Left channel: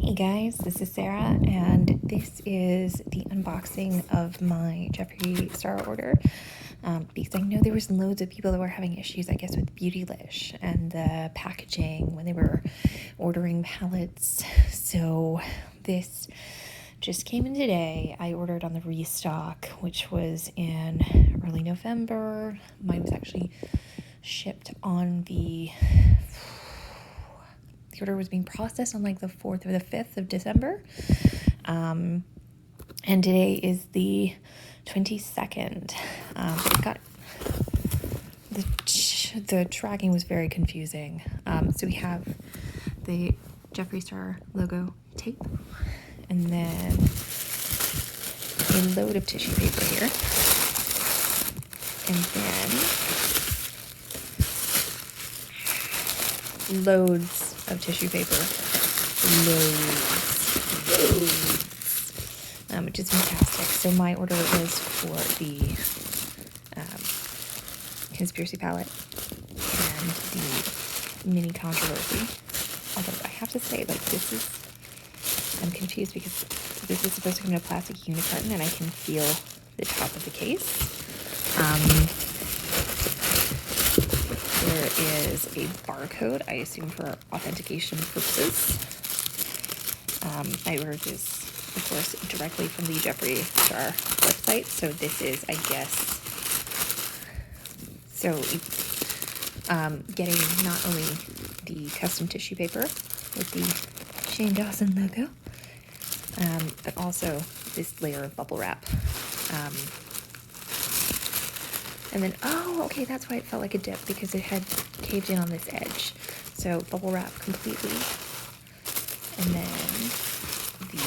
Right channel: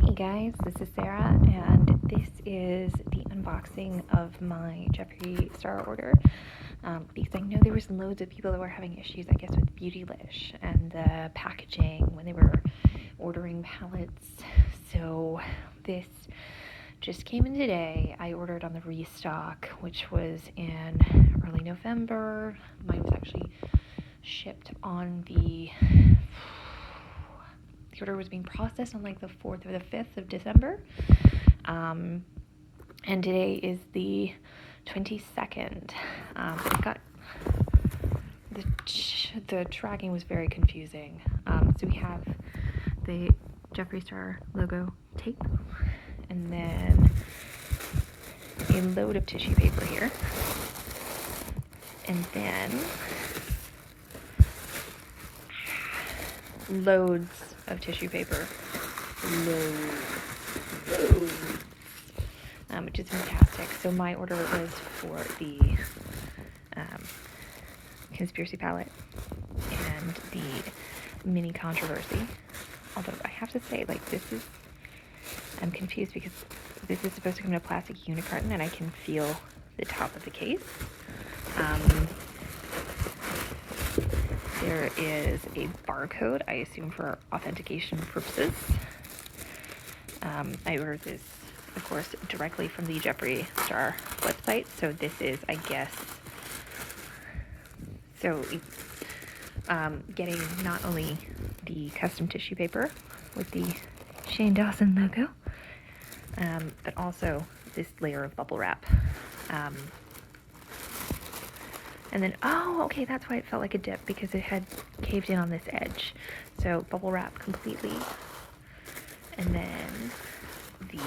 Hey guys, this is Sarah, and this is the unboxing of my Jeffree Star order. Because I know there was loads of people that were having issues, I guess, with Beautylish and the packaging when they were ordering palettes. So this just came in today. I ordered on the restock, which was in early November. Mine was actually shipped on the order was being processed on like the 4th or the 5th of December. And today is the 22nd. Got the tracking was very confusing. So we have the Jeffree Star logo tape, and then a load of tissue paper here, and then loads of tissue paper, which is fantastic. So my order was for the conspiracy palette and the mini controversy. Although I have to say, like, I'm confused because this is supposed to come in a plastic unicarton, and I can feel the top of the case. There is a barcode, I assume for authentication purposes. I ordered this, of course, directly from the Jeffree Star website. So this is, I guess, getting not only the custom tissue paper with the Shane Dawson logo, but also this layer of bubble wrap. And then, okay, that's why it felt like a dip, because it had caved in on this edge. So bubble wrap completely. And then the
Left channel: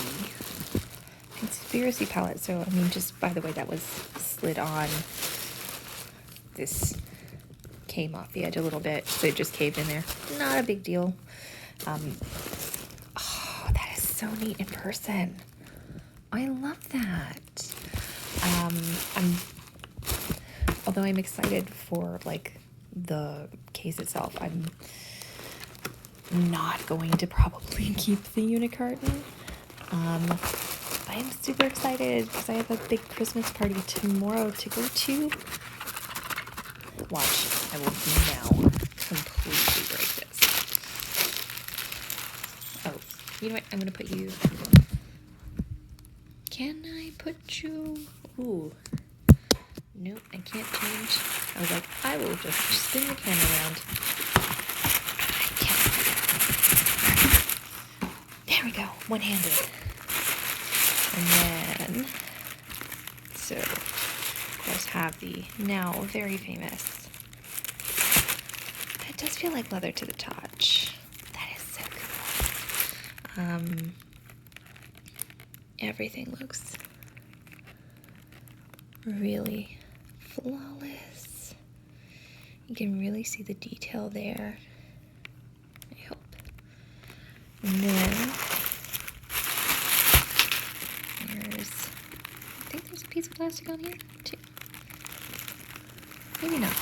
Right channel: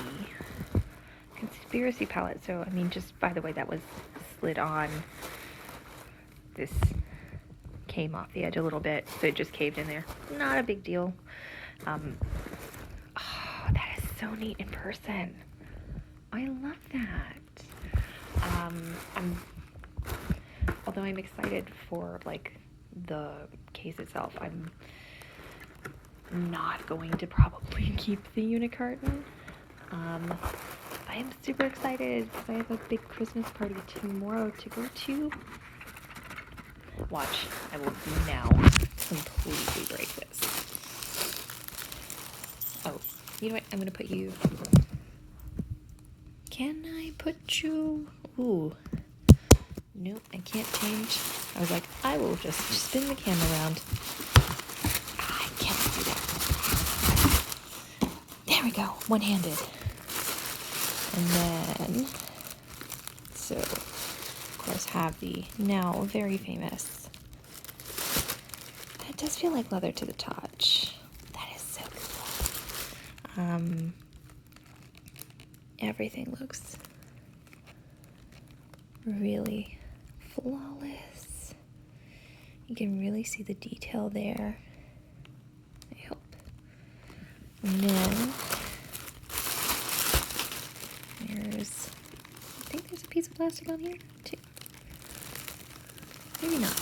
conspiracy palette. So, I mean, just by the way that was slid on, this came off the edge a little bit, so it just caved in there. Not a big deal. That is so neat in person. I love that. Although I'm excited for, like, the case itself, I'm not going to probably keep the unicarton. I'm super excited because I have a big Christmas party tomorrow to go to. Watch, I will now completely break this. Oh, you know what? I'm going to put you... Can I put you... Ooh. Nope, I can't change. I was like, I will just spin the camera around. I can't do that. There we go, one-handed. And then, so, of course, have the now very famous. That does feel like leather to the touch. That is so cool. Everything looks really flawless. You can really see the detail there, I hope. And then I think there's a piece of plastic on here too. Maybe not.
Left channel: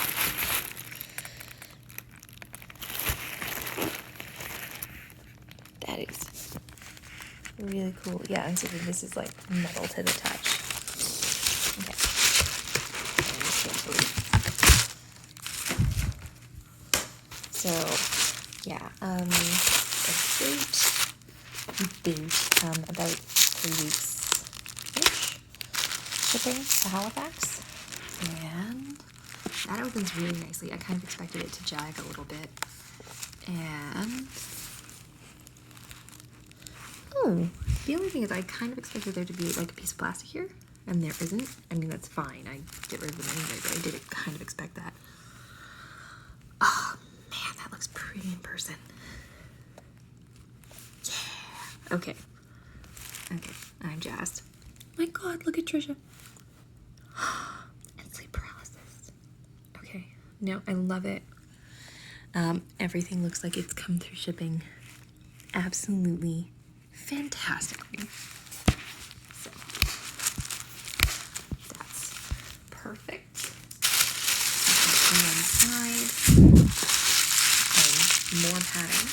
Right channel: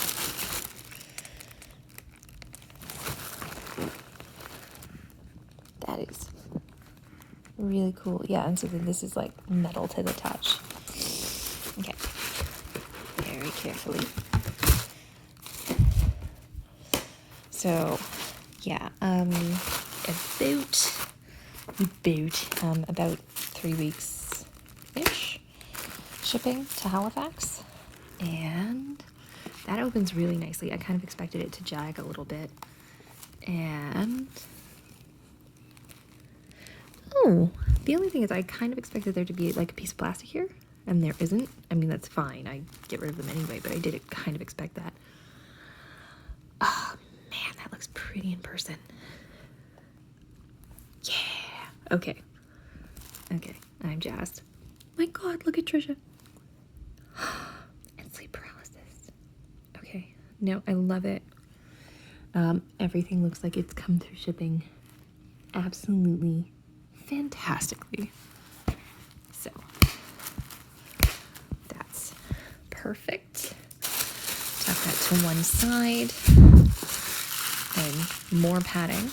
That is really cool. Yeah, and so then this is like metal to the touch. Okay. Very carefully. So, yeah, a boot, about 3 weeks-ish shipping to Halifax, and that opens really nicely. I kind of expected it to jag a little bit, and the only thing is I kind of expected there to be like a piece of plastic here, and there isn't. I mean, that's fine, I get rid of them anyway, but I did kind of expect that. Oh man, that looks pretty in person. Yeah. Okay, I'm jazzed. My god, look at Trisha. And sleep paralysis. Okay, no, I love it. Everything looks like it's come through shipping absolutely fantastically. So, that's perfect. Okay, on one side, and more padding.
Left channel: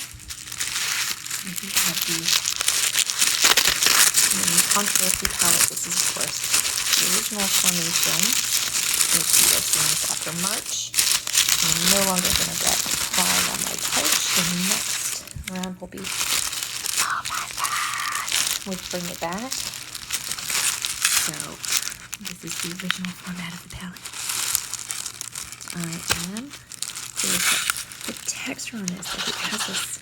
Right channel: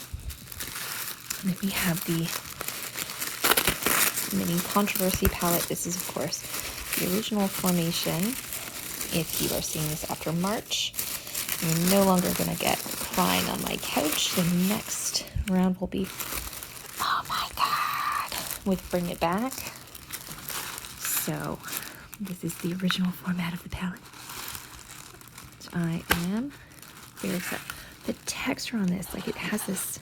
And we have the And then controversy palette. This is, of course, the original formation. If you are seeing this after March, you're no longer going to get crying on my couch. The next round will be, oh my god, with Bring It Back. So, this is the original format of the palette. I am very excited. The texture on this, like it has this,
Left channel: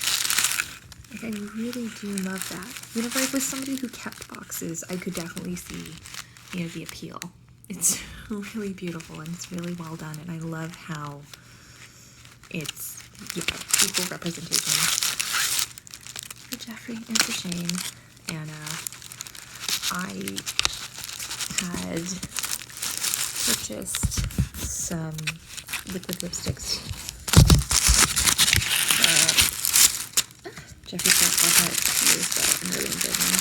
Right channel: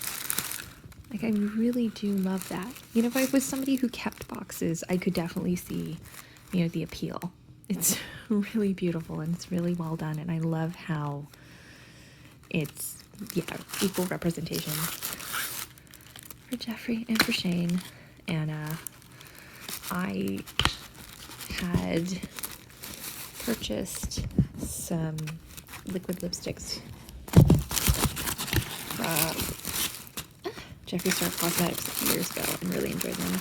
like I really do love that. You know, if I was somebody who kept boxes, I could definitely see, you know, the appeal. It's really beautiful and it's really well done, and I love how it's, yeah, equal representation for Jeffree and for Shane. And I had purchased some liquid lipsticks from Jeffree Star Cosmetics years ago. I'm really enjoying them.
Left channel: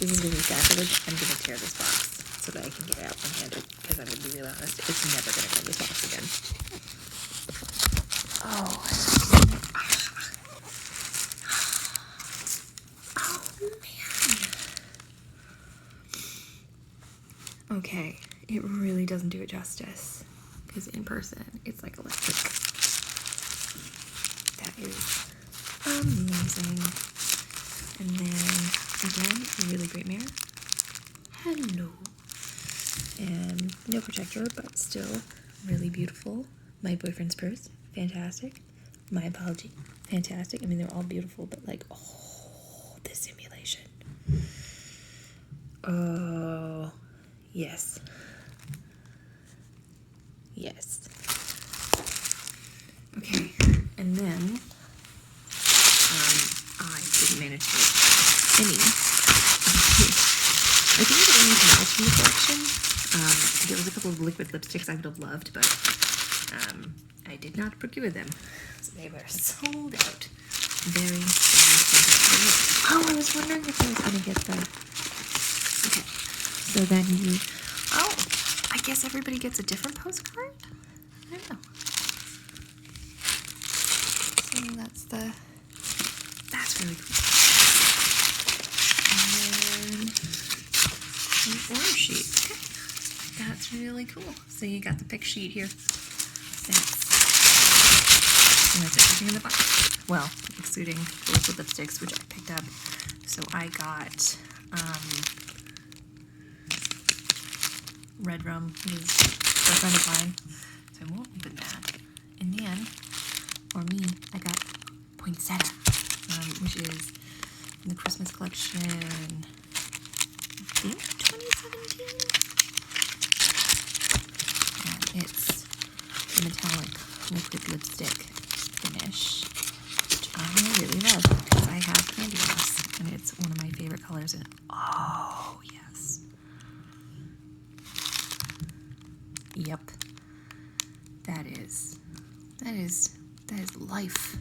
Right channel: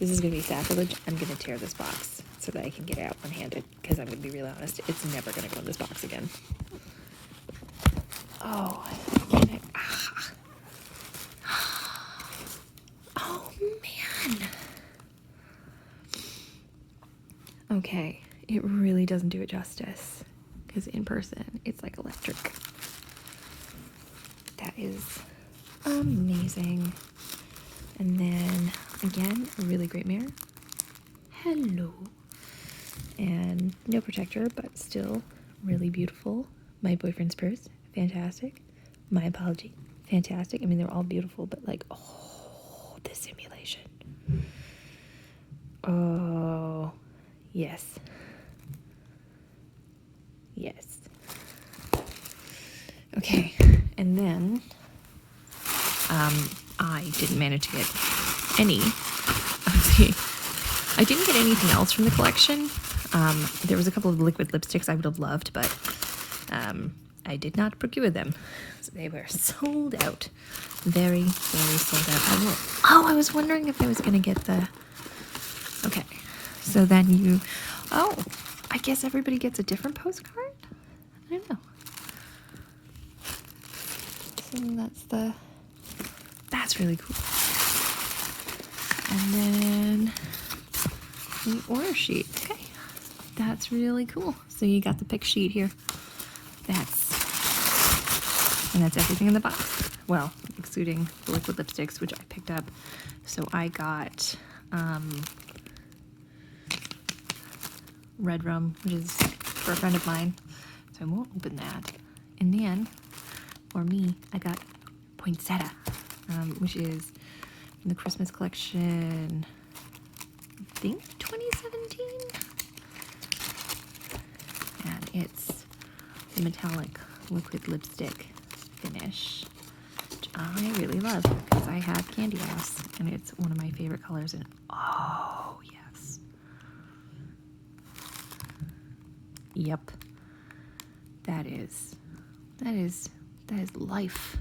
This is going to be sacrilege. I'm going to tear this box so that I can get it out and hand it, because I'm going to be really honest, it's never going to go in this box again. Oh. Oh, man. Okay, it really doesn't do it justice, because in person, it's like electric. That is amazing. And then, again, a really great mirror. Hello. And no protector, but still really beautiful. My Boyfriend's Purse, fantastic. My Apology, fantastic. I mean, they're all beautiful, but like, oh, the simulation. Oh, yes. Yes. Okay, and then I didn't manage to get any. I didn't get anything else from the collection. There was a couple of liquid lipsticks I would have loved, but I did not procure them. So they were sold out. Very, very sold out. Oh, I was wondering if I was going to get the... Okay, so then you... Oh, I guess everybody gets a different postcard? I don't know. So that's really cool. And then an order sheet. Okay, that's really cool. So you got the pick sheet here. That's everything in the box. Well, excluding the liquid lipsticks, which I picked up. So I got Red Rum, which is for a friend of mine. So I won't open that. And then, for me, I got Poinsettia, which is in the Christmas collection, I think 2017? And it's the metallic liquid lipstick finish, which I really love because I have Candy Loss, and it's one of my favorite colors. And oh, yes. Yep. That is life.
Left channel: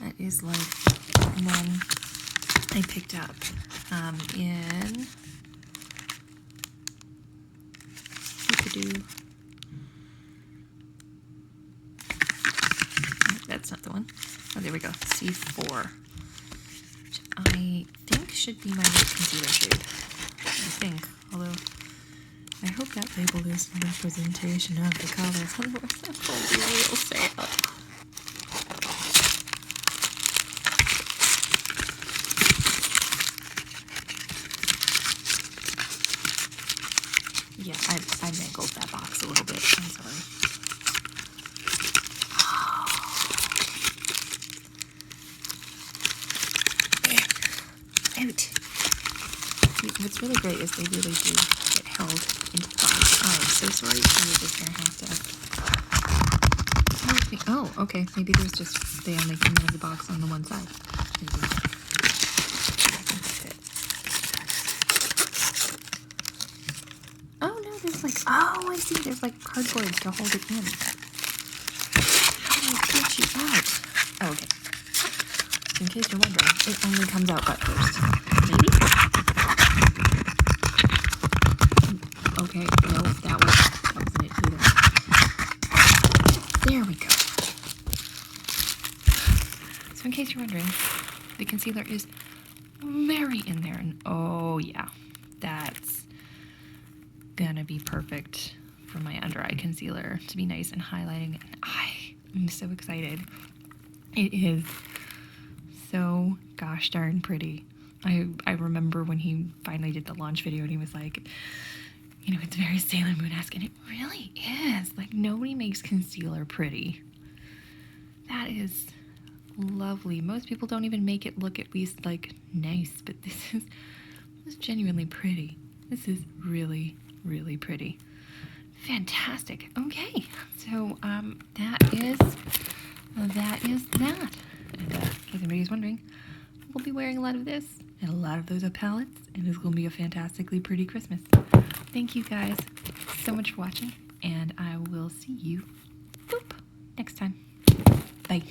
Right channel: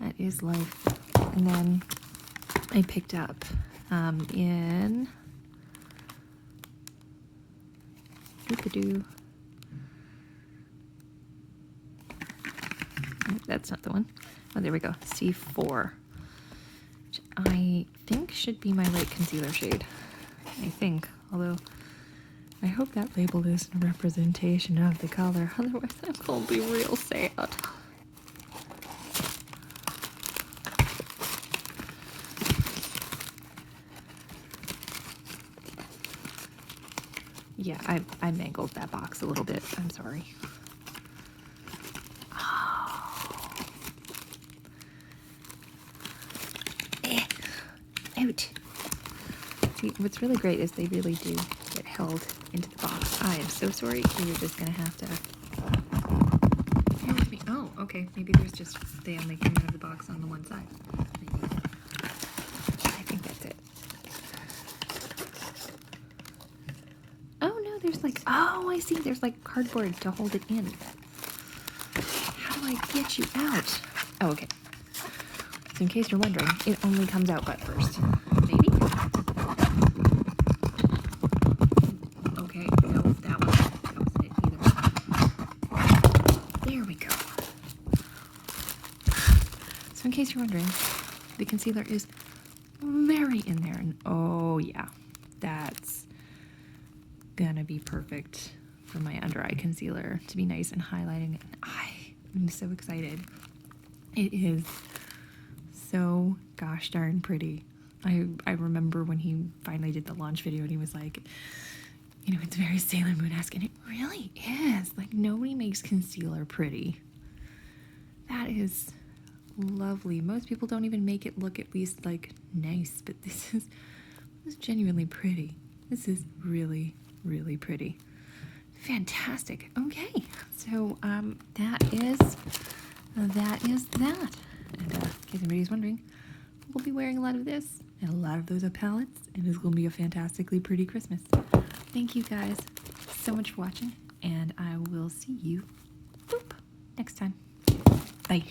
That is life. And then I picked up in that's not the one. Oh, there we go. C4, which I think should be my light concealer shade. I think, although I hope that label is a representation of the color. Otherwise, I'm going to be real sad. Yeah, I mangled that box a little bit. I'm sorry. Out. What's really great is they really do get held into the box. I am so sorry. You're just gonna have to. Oh, okay. Maybe there's just they only come out of the box on the one side. I think that's it. Oh no, there's like I see. There's like cardboard to hold it in. How do I get you out? Oh, okay. In case you're wondering, it only comes out butt first. Maybe? Okay, no, that wasn't it either. There we go. So in case you're wondering, the concealer is very in there. And oh yeah, that's gonna be perfect for my under eye concealer to be nice and highlighting. And I'm so excited. It is so gosh darn pretty. I remember when he finally did the launch video and he was like, you know, it's very Sailor Moon-esque, and it really is. Like, nobody makes concealer pretty. That is lovely. Most people don't even make it look at least like nice, but this is genuinely pretty. This is really, really pretty. Fantastic. Okay, so that is that. And in case anybody's wondering, we'll be wearing a lot of this and a lot of those palettes, and it's going to be a fantastically pretty Christmas. Thank you guys so much for watching, and I will see you next time. Bye.